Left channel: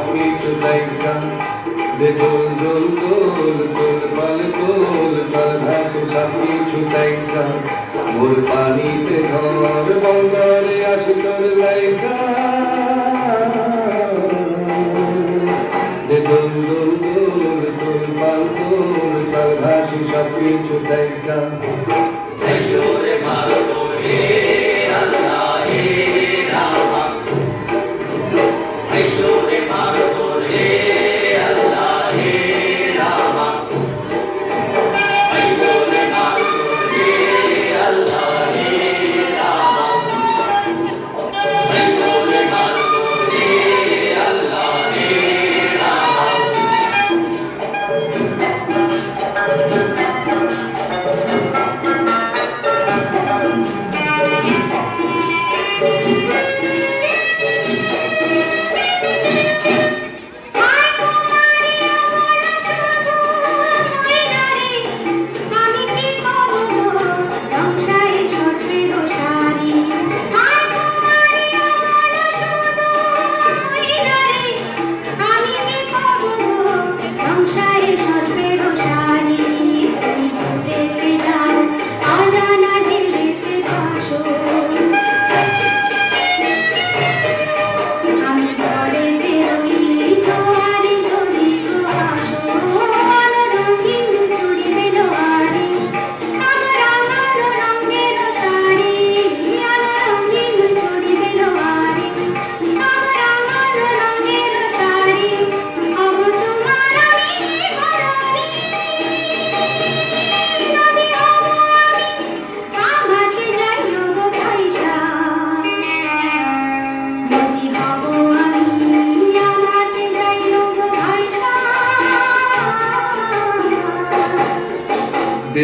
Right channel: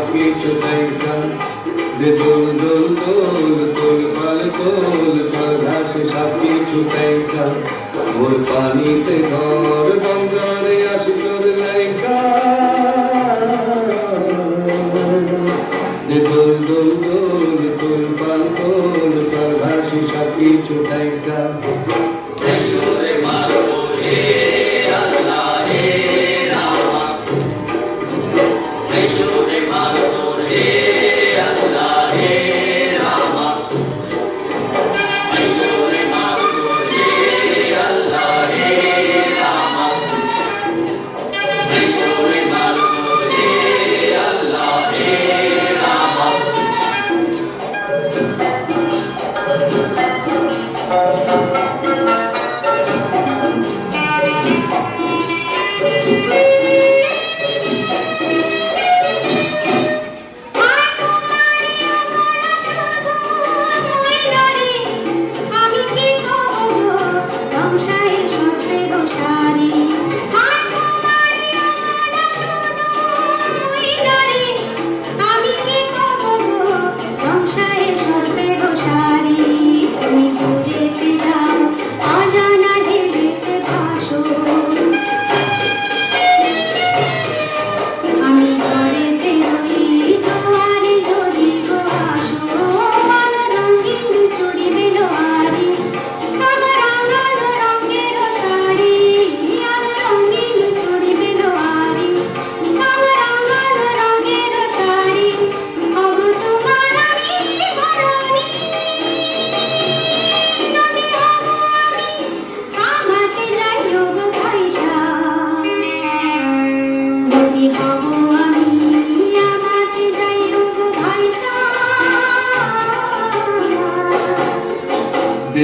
সব কিছু দেখা দে দোল দোল দোল তোল পাল তোল চল ভাসি সব কিছু দেখা মোর পানিতে ঘর বন্দরে আসি তোর লাইকা দে দোল দোল দোল তোল পাল তোল চল ভাসি সব কিছু দেখা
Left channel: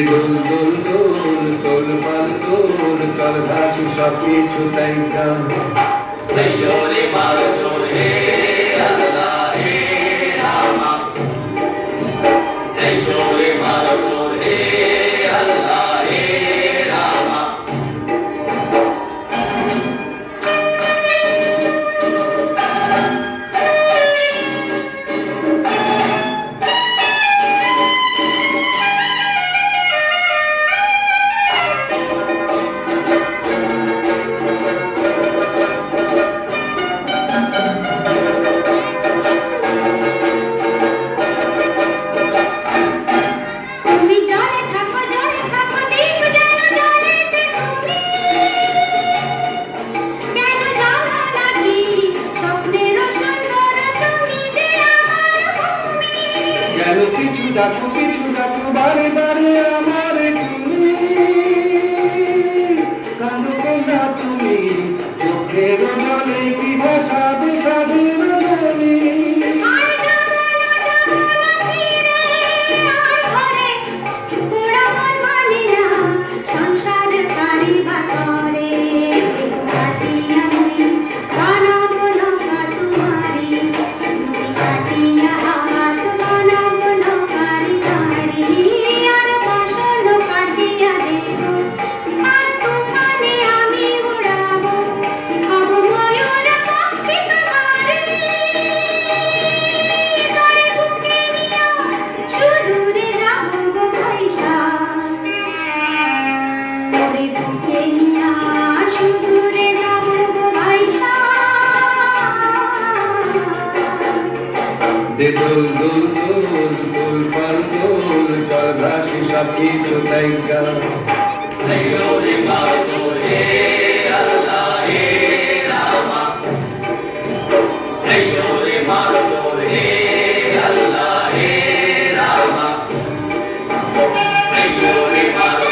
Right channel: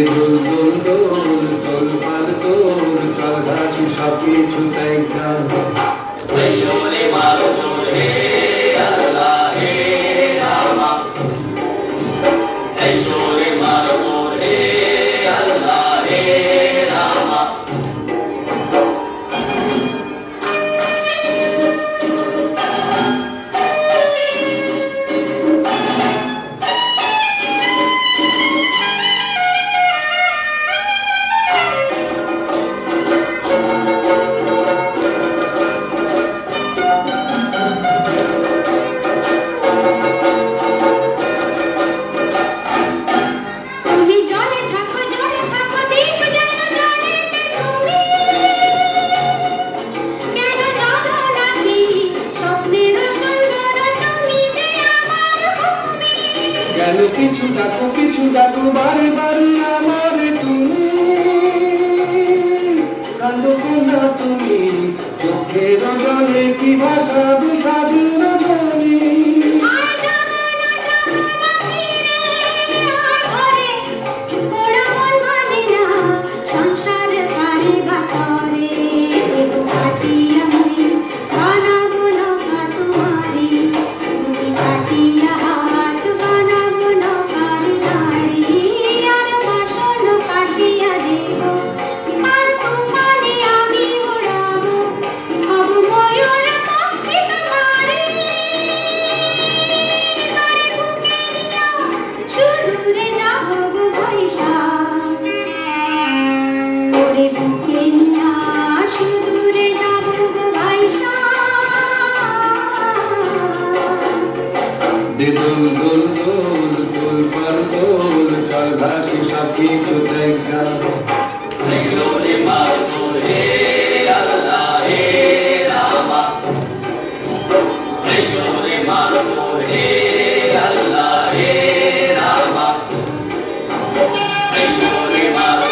দোল দোল দোল তোল পাল তোল চল ভাসি সব কিছু দেখা রে মারো হে আল্লাহ হে রামা রে মারো হে আল্লাহ হে রামা কিছু ডাকো বারে বারে আমার তুমি কাঁদো কন্যা তুমি চোখের জলে কি ভাষা বিষাদের জলে দে দোল দোল দোল তোল পাল তোল চল ভাসি সব কিছু দেখা রে মারো হে আল্লাহ হে রামা রে মারো হে আল্লাহ হে রামা রে মারো